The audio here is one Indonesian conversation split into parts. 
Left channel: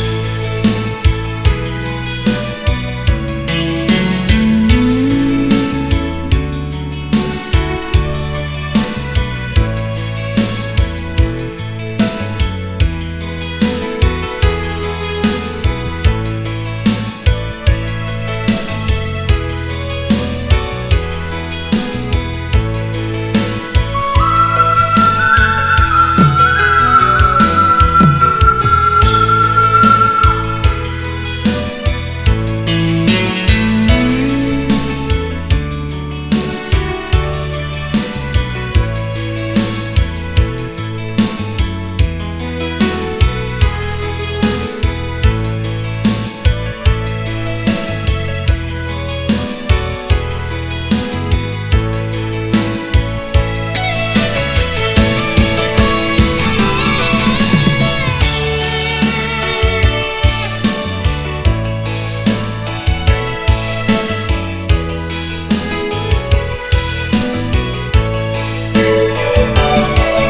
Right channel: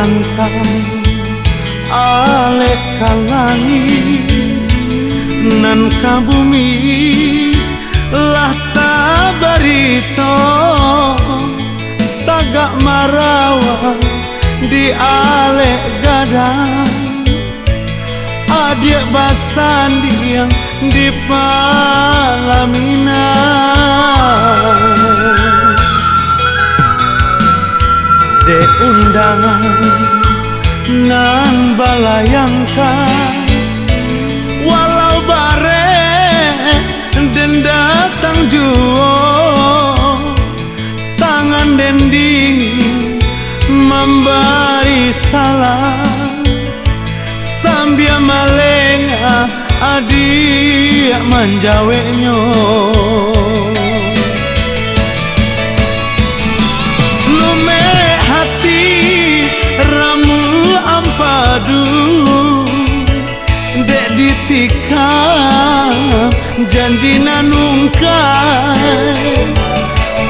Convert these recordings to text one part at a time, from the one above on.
pantang alek kalangi nan ka bumi lah tabarito tagak marawa di alek gadang adik basandi yang di Palamina de undangan nan balayangkan walau bare dan datang juo tangan dan dingin memberi salam sambil malenga adik manjaweknya janji nanungkai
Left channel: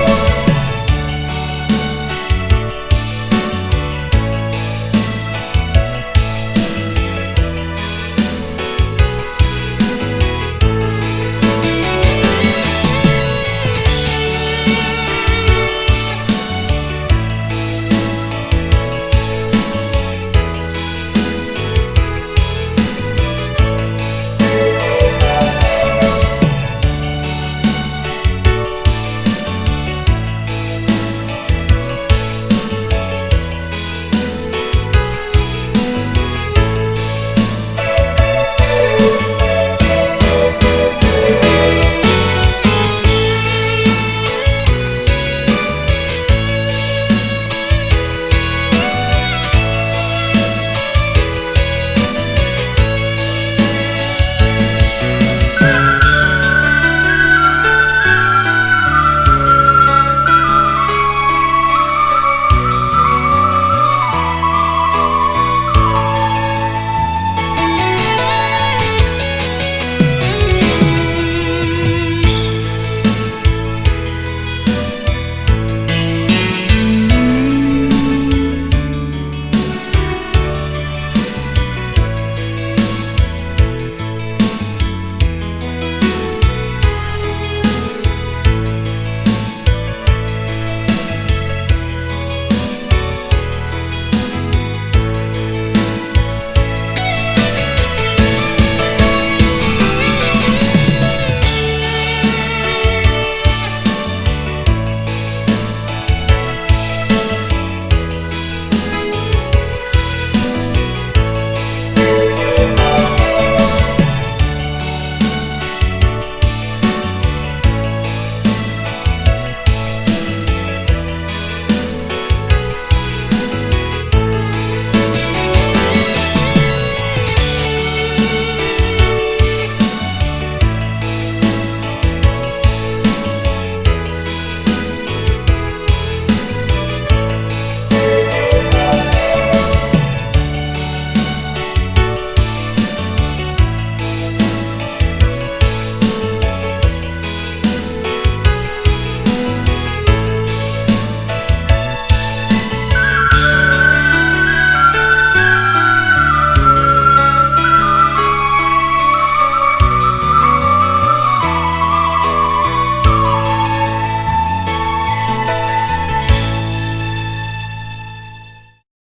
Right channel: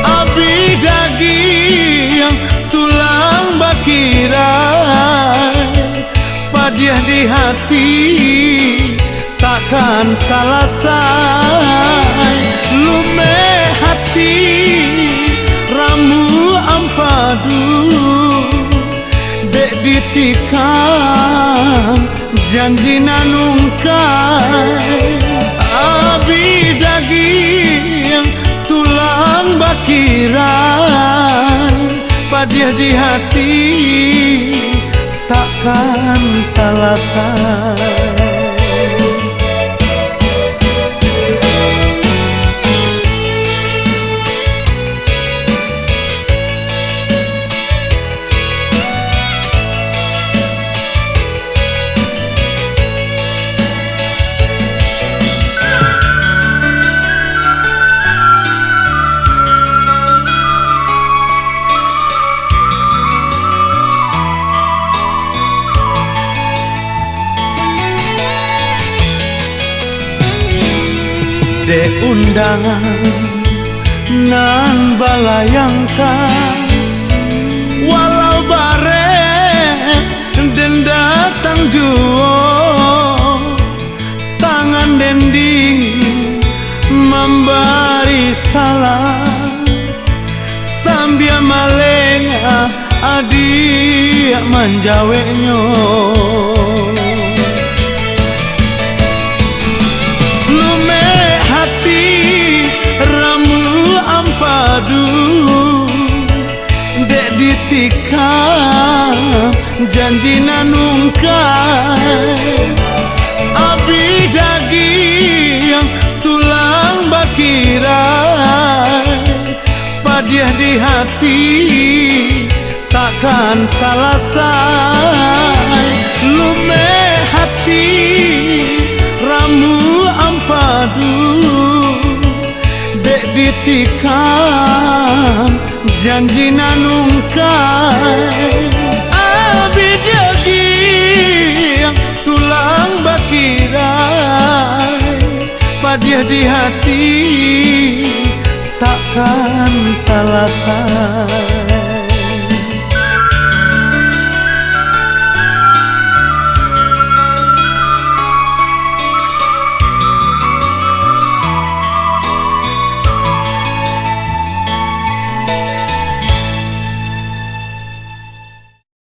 abdi daging tulang bakirai padiah di hati takkan salah say lume hati ramu ampadu dek ditikam janji nanungkai dia di hati takkan salah say. De undangan nan balayangkan walau bare dan datang juo tangan dan dingin memberi salam sambil malenga adik manjaweknya